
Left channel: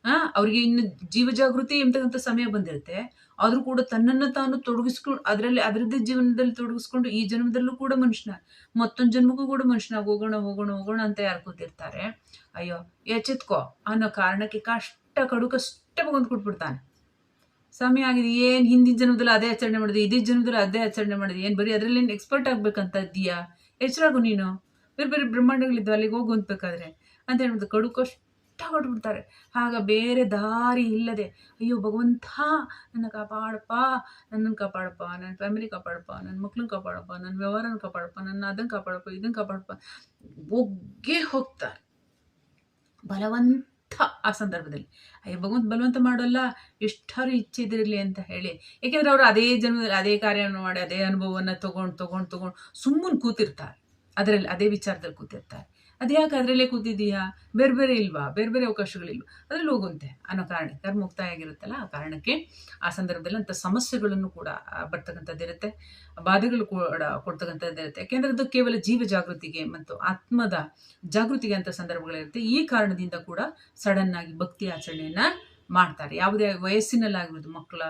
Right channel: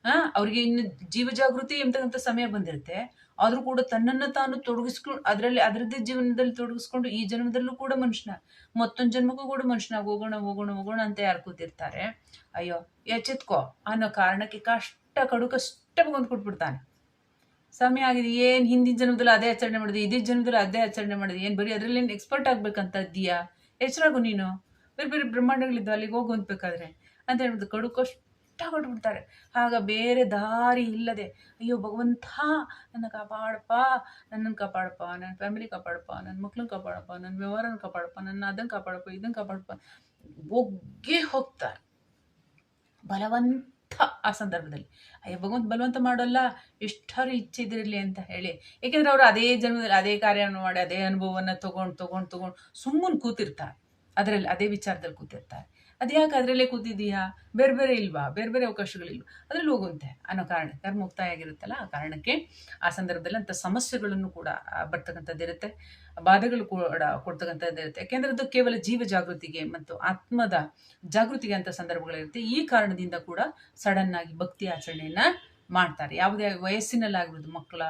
ಆ, ಅವ್ರಿಗೆ ಇನ್ನು ಜೀವ ಜಾಗೃತಿ ಎಂಬತಕ್ಕಂಥ ಸಮಯ ಬಂದಿರುತ್ತೆ. ಆದರೂ ಕೂಡ ತನ್ನನ್ನು ತಾನು ತೊಡಗಿಸ್ಕೊಂಡು ಅದರಲ್ಲಿ, ಅದರದ್ದೇ ಜೀವನದಲ್ಲಿ ತೊಡಗಿಸ್ಕೊಂಡು ಈ ಜನ್ಮದಲ್ಲೂ ಕೂಡ ಮನುಷ್ಯನ ಮತ್ತೊಂದು ಜನ್ಮಕ್ಕೂ ಕೂಡ ಮನುಷ್ಯನ ಹೋಗೋಣ ಹೋಗೋಣ ಹೋಗೋಣ ಅಂತ ಯಾರು ಕೂತಿರ್ತಾರೆ. ಅಯ್ಯೋ, ಎಚ್ಚೆತ್ಕೋ ಅನ್ನೋ ಕಾರಣಕ್ಕೆ ಕಷ್ಟ, ಕಡು ಕಷ್ಟ ಬಂದು ಕೊಟ್ಬಿಡ್ತಾನೆ ಸಮಯ ಆಗಿದೆ. ಏನು ಹಿಂದಿನ ಜನ್ಮದಲ್ಲಿ ಅದೇ ಆಚರಣೆ ಮಾಡಿದೆ, ಇದೇ ಜನ್ಮದಲ್ಲಿ ಅದೇ ಆಚರಣೆ ಮಾಡಿದೆ. ಏನು ಬರೀ ಅದರಲ್ಲಿ ಏನು ಎಕ್ಸ್ಪರ್ಟ್ ಆಗ್ಬೇಕಂತ ಇದೆಯಾ ಎಚ್ಚರಾಗು ನೀನು? ಬೇರೆ ಬೇರೆ ಬ್ರಹ್ಮಾಂಡಗಳಿದ್ದು ಅಲ್ಲಿಗೆ ಹೋಗು ಅಂತಬೇಕಾದ್ರೆ ಅಂತ ಹೇಳ್ಬಿಟ್ಟು ಕಡು ಕಷ್ಟ ಆಗ ಬೇರೆ ದಾರಿ ಇಲ್ಲದೆ, ಅಯ್ಯೋ ಭಗವಂತ, ನನ್ನ ಕಾಪಾಡಪ್ಪ ನನ್ನನ್ನು ಕಾಪಾಡಪ್ಪ ನನ್ನ ಫ್ಯಾಮಿಲಿ ಕಾಪಾಡಪ್ಪ ನನ್ನ ಮಕ್ಳನ್ನ ಕಾಪಾಡಪ್ಪ ನನ್ನ ವ್ಯವಹಾರನ ಕಾಪಾಡಪ್ಪ ನನ್ನ ಅದನ್ನು ಕಾಪಾಡಪ್ಪ ಇದನ್ನು ಕಾಪಾಡಪ್ಪ. ಒಗ್ಗೆ ಹೋಗ್ತಾರೆ. ಬಲವಂತ ಆ ಸಂದರ್ಭದಲ್ಲಿ. ಅಯ್ಯ, ಭಗವಂತ ಬಲವಂತ ಮಾಡೋಲ್ಲ ಎಷ್ಟಾರು ಇಚ್ಛೆ ಇದಿರಲಿ ಅಂತ ಹೇಳಿ. ಏಕೆಂದರೆ ಅವರು ಅದೇ ಜನ್ಮದಲ್ಲಿ ಅದೇ ಕಾರ್ಯವನ್ನು ಮಾಡಿ, ಅದೇ ಅನುಭವವನ್ನು ತೊಗೊಂಡು ತೊಗೊಂಡು ತೊಗೊಂಡು ಸುಮ್ಮನೆ ಕೂತಿರ್ತಾರೆ. ಅದರಲ್ಲಿ ಅದೇ ವಿಚಾರದಲ್ಲಿ ಕೂತಿರ್ತಾರೆ. ಅದ್ಯಾಕೆ ಅದರಲ್ಲೇ ಕೂತಿದ್ದೀಯಾ? ಬೇರೆ ಬೇರೆ ಇಲ್ವಾ? ಬೇರೆ ಬೇರೆ ಅವಕಾಶಗಳಿಲ್ವ? ಅದರಲ್ಲಿ ಹೋಗುವಂತೆ. ಅನ್ನೋ ಕಾರಣ. ಕರ್ಮ ಮುಕ್ತಾಯ ಆಗಿರುತ್ತಲ್ಲ ಆ ಕಾರಣಕ್ಕೆ ಆ ಸಂದರ್ಭದಲ್ಲಿ ಅಂಥ ಸಮಸ್ಯೆಗಳನ್ನು ಕೂಡ ಬರ್ತಕ್ಕಂಥದ್ದಿರುತ್ತೆ ಬಾಧೆಗಳು ಕೂಡ ಕೊಡ್ತಕ್ಕಂಥದ್ದಿರುತ್ತೆ ಯಾಕೆಂದರೆ ಅದು ಕೇವಲ ಜೀವ ಜಾಗೃತಿಗೆ ಮತ್ತು ಆತ್ಮದ ಜಾಗೃತಿಗೆ ಅಂತ ಸಂದರ್ಭಗಳಿರುತ್ತೆ. ಈ ಕಾರಣದಿಂದ ಕೂಡ ಸಡನ್ ಆಗಿ ಭಕ್ತಿ ಆಚರಣೆಯನ್ನು ಮಾಡ್ತಾರೆ. ಯಾವುದೇ ವಯಸ್ಸಿನಲ್ಲಾಗಿರ್ಬೋದು, ಮಕ್ಕಳ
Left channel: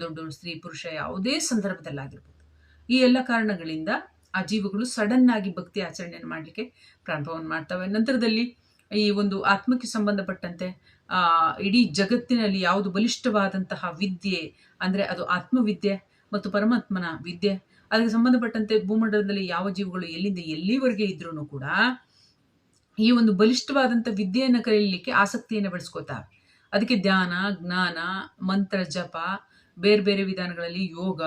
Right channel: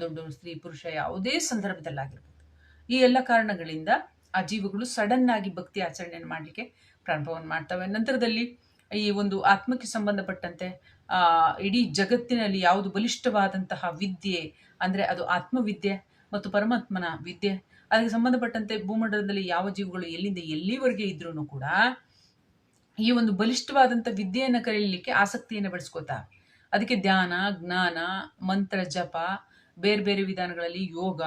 ದೊಡ್ಡ ಸ್ತ್ರೀ, ಪುರುಷ ಯಾವುದೇ ಸಂದರ್ಭದಲ್ಲಾಗಿರ್ಬೋದು. ಈ ಎಲ್ಲ ಕಾರಣಗಳಿಂದ ಆ ಜೀವಗಳು ಸಡನ್ ಆಗಿ ಭಕ್ತಿ ಆಚರಣೆಯನ್ನು ಮಾಡಲಿಕ್ಕೆ ಪ್ರಾರಂಭವನ್ನು ಮಾಡ್ತವೆ. ನಂತರದಲ್ಲಿ ಈ ಒಂದು ಆತ್ಮಕ್ಕೆ ಸಂಬಂಧಪಟ್ಟಂತೆ ಇಡೀ ಜಗತ್ತಿನಲ್ಲಿ ಯಾವುದು ಬಲಿಷ್ಠವಾದಂತಹ ವಿದ್ಯೆ ಅಂದರೆ ಅದು ಆತ್ಮವಿದ್ಯೆ ಮತ್ತು ಪರಮಾತ್ಮನ ವಿದ್ಯೆ, ಅದಕ್ಕೆ ಸಂಬಂಧಪಟ್ಟಂತೆ ಭೂಮಂಡಲದಲ್ಲಿ ಯಾವ ಜೀವಗಳು ಎಲ್ಲಿಂದ ಎಲ್ಲಿವರೆಗೆ ಇದ್ರೂ ಕೂಡ ಈ ಒಂದು ಬಲಿಷ್ಠವಾದಂಥ ವಿದ್ಯೆಯನ್ನು ಕಲಿಯಲಿಕ್ಕೆ ಆಸಕ್ತಿಯನ್ನು ಬೆಳೆಸ್ಕೋತಾವೆ ಅದಕ್ಕೆ ಧ್ಯಾನ, ಜ್ಞಾನ, ಮಂತ್ರ, ಜಪ ಬೇರೆ ಬೇರೆ ವಿಧಾನಗಳಲ್ಲಿ ಯೋಗ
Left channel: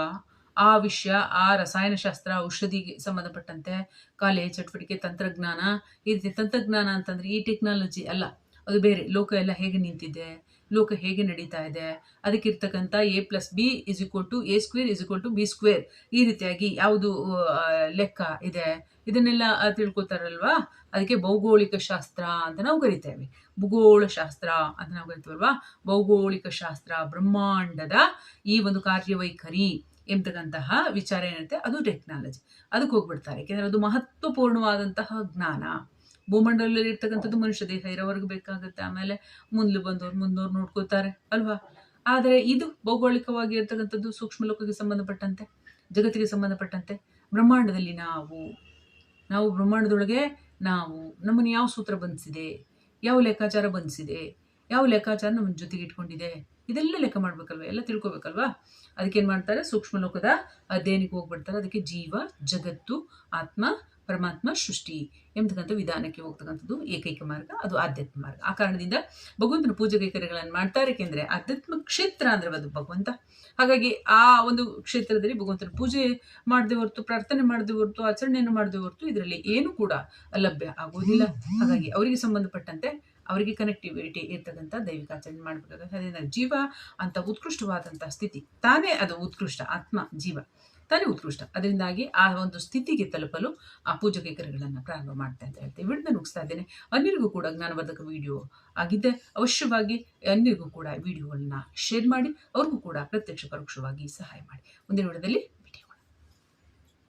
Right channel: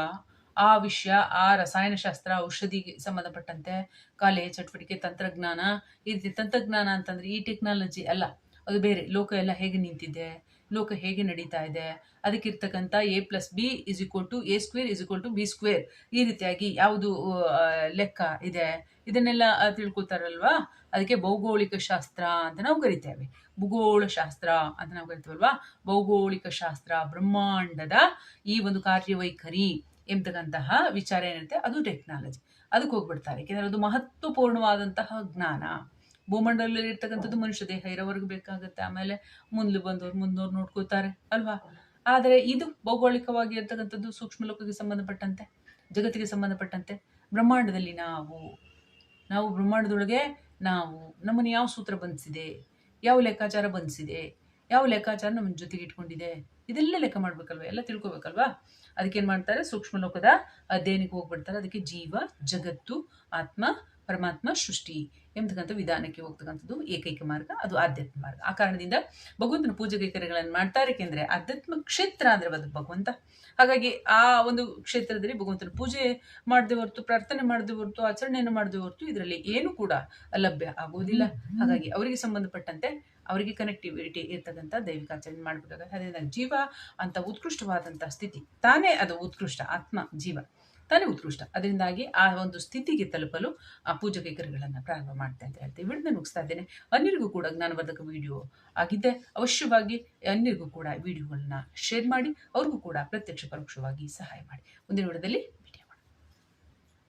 ಆ ವಿಷಯ, ಆ ರಸಾಯನಶಾಸ್ತ್ರ, ಔಷಧಿಗೆ ಸಂಬಂಧಪಟ್ಟಂತೆ ಕಲೆ, ಚಟುವಟಿಕೆ, ತಂತ್ರಜ್ಞಾನ, ಈ ರೀತಿ ತಂತ್ರಜ್ಞಾನ ಅಂತಂದರೆ ಈ ಟೆಕ್ನಾಲಜಿ ಅಲ್ಲ, ಅದು ಬೇರೆ, ಲೋಕ ಎಲ್ಲ ಹೇಗೆ ನಿಂತಿದೆ, ಲೋಕ ಹೇಗೆ ನಡೀತಾ ಇದೆ, ಅದಕ್ಕಿರ್ತಕ್ಕಂಥ A plus B is equal to A square is equal to B square ಈ ರೀತಿಯಾಗಿ ಯಾವುದು ಲೆಕ್ಕ ಇದೆ, ಇದನ್ನೆಲ್ಲ ತಿಳ್ಕೊತಾರಲ್ವಾ ಅದಕ್ಕೆ ಭೌಗೋಳಿಕ ಶಾಸ್ತ್ರ ಅಂತ ನಾವು ಕರಿತೇವೆ. ಭೂಗೋಳ ಶಾಸ್ತ್ರ ಅಂತ ನಾವು ಕರಿತೀವಲ್ವಾ? ಭೌಗೋಳಿಕ ಶಾಸ್ತ್ರ, ಬ್ರಹ್ಮಾಂಡದ ಈ ಒಂದು ಕಾರ್ಯವೈಖರಿ. ಎಂಬತಕ್ಕಂತಹ ವಿಚಾರ ಏನಿರುತ್ತೆ ಅದು ಟೆಕ್ನಾಲಜಿ ಅದಕ್ಕೆ ಹೋಗ್ಬಿಡ್ತಾರೆ. ಯಾಕೆಂದರೆ ಅದು ಮಹತ್ವಪೂರ್ಣವಾದಂತಹ ಜ್ಞಾನ. ಭೂಮಂಡಲದಲ್ಲಿ ಇರ್ತಕ್ಕಂಥದ್ದು ಮನುಷ್ಯ ದೇಹ ಇರೋವರೆಗೂ ಬೇಕಾಗುತ್ತೆ. ಆಮೇಲೆ ಮುಂದೆ ಬಂದವ್ರು ಮುಂದೋರು ನೋಡ್ಕೋತಾರೆ ಅಲ್ವಾ? ಆದರೆ ಇದು ಭೌಗೋಳಿಕವಾಗಿ ಇರ್ತಕ್ಕಂಥದ್ದು ಸೂಕ್ಷ್ಮ ಲೋಕಕ್ಕೆ ಸಂಬಂಧಪಟ್ಟಂತೆ, ಜಗತ್ತಿಗೆ ಸಂಬಂಧಪಟ್ಟಂತೆ ಬ್ರಹ್ಮಾಂಡದಲ್ಲಿ ನಾವು ನಾವು ಬ್ರಹ್ಮಾಂಡದೊಳಗೆ ನಾವು, ನಮ್ಮನ್ನು ಯಾವ ಸೂತ್ರ ಬಂಧಿಸಿದೆ, ಯಾವ ಲೆಕ್ಕಾಚಾರ ಬಂಧಿಸಿದೆ, ಯಾವ ಲೆಕ್ಕಾಚಾರ ನಮ್ಮ ಜೊತೆಗೆ ಇಟ್ಕೊಂಡಿದೆ ಇದೆಲ್ಲ ಲೆಕ್ಕ ಮಾಡ್ಬೇಕಲ್ವ? ಎಲ್ಲ ತಿಳ್ಕೊಬೇಕಲ್ವಾ? ಅದಕ್ಕೇನು ಮಾಡ್ತಾರೆ? ಸೂಕ್ಷ್ಮ ಲೋಕದ ಅಧ್ಯಯನಕ್ಕೆ ಹೋಗ್ಬಿಡ್ತಾರೆ. ಅದಕ್ಕೆ ಜೀವ, ಜಗತ್ತು, ಆತ್ಮ ಪರಮಾತ್ಮ ಸೃಷ್ಟಿ ಎಂಬತಕ್ಕಂಥ ವಿಧಾನಕ್ಕೆ ಹೋಗ್ತಕ್ಕಂಥದ್ದು ಏಕೈಕ ಮಾರ್ಗ, ಅದು ಆಧ್ಯಾತ್ಮ ಮಾರ್ಗ. ಆ ಕಾರಣದಿಂದ ಭಗವಂತನ ಪೂಜೆ ಕೈಕರ್ಯಗಳನ್ನು ಮಾಡ್ತಾರೆ ಏಕೆಂದರೆ ಆಧ್ಯಾತ್ಮ ಕ್ಷೇತ್ರ ಅಂದರೆ ಅದು ಭಗವಂತ. ಹಾಗಾಗಿ ಆ ಒಂದು ಕ್ಷೇತ್ರದಲ್ಲಿ ಭಗವಂತನ ಪೂಜೆ ಮಾಡದೆ ಹೊರತು, ಪ್ರಾರ್ಥನೆ ಮಾಡದೆ ಹೊರತು, ಆಚರಣೆಯನ್ನು ಮಾಡದೆ ಹೊರತು ಇದರಲ್ಲಿ ಏನು ಕೂಡ ಲಭ್ಯ ಆಗೋದಿಲ್ಲ ಹಾಗಾಗಿ ಅವರಿಗೆ ಸಂಬಂಧಪಟ್ಟಂತೆ ಅವರಿಗೆ ಕನೆಕ್ಟಿವಿಟಿ ಇರ್ತಕ್ಕಂಥ ದೈವಿಕ ಆಚರಣೆ ಮಾಡಬೇಕಾಗುತ್ತೆ. ಅದರಿಂದ ಜೀವ ಅಂತ ಉತ್ಕೃಷ್ಟವಾದಂಥ ಸ್ಥಿತಿ. ತಾನೇ ಅದು ಉತ್ಕೃಷ್ಟ ಆತ್ಮ, ಜೀವ. ತಾನೇ ಉತ್ಕೃಷ್ಟ. ಅದರಿಂದಾಗಿ ಆ ಒಂದು ಸ್ಥಿತಿಗೆ ತಲುಪಲು ಆ ಪೂಜಾ ಕೈಕರ್ಯಗಳನ್ನು ಪ್ರಾರಂಭ ಮಾಡ್ತೆ ಅಂತ ಹೇಳ್ತೀವಿ. ವಿಡಿಯೋನ ಮುಗಿಸ್ತಾ ಇದ್ದೇನೆ. ಅನ್ಯರಿಗೂ ಕೂಡ ಜ್ಞಾನವರ್ಧಕ ವಿಡಿಯೋ ಆಗಿದ್ದೆ ಅವಶ್ಯವಾಗಿ ಅನ್ಯರಿಗೂ ಕೂಡ ವಿಡಿಯೋಗಳನ್ನ ಶೇರ್ ಮಾಡಿ, ಅವ್ರಿಗೂ ಕೂಡ ಪ್ರತ್ಯಕ್ಷ ಪರೋಕ್ಷವಾಗಿ ಸಹಾಯ ಮಾಡಿ. ಮುಂದಿನ ವಿಡಿಯೋದಲ್ಲಿ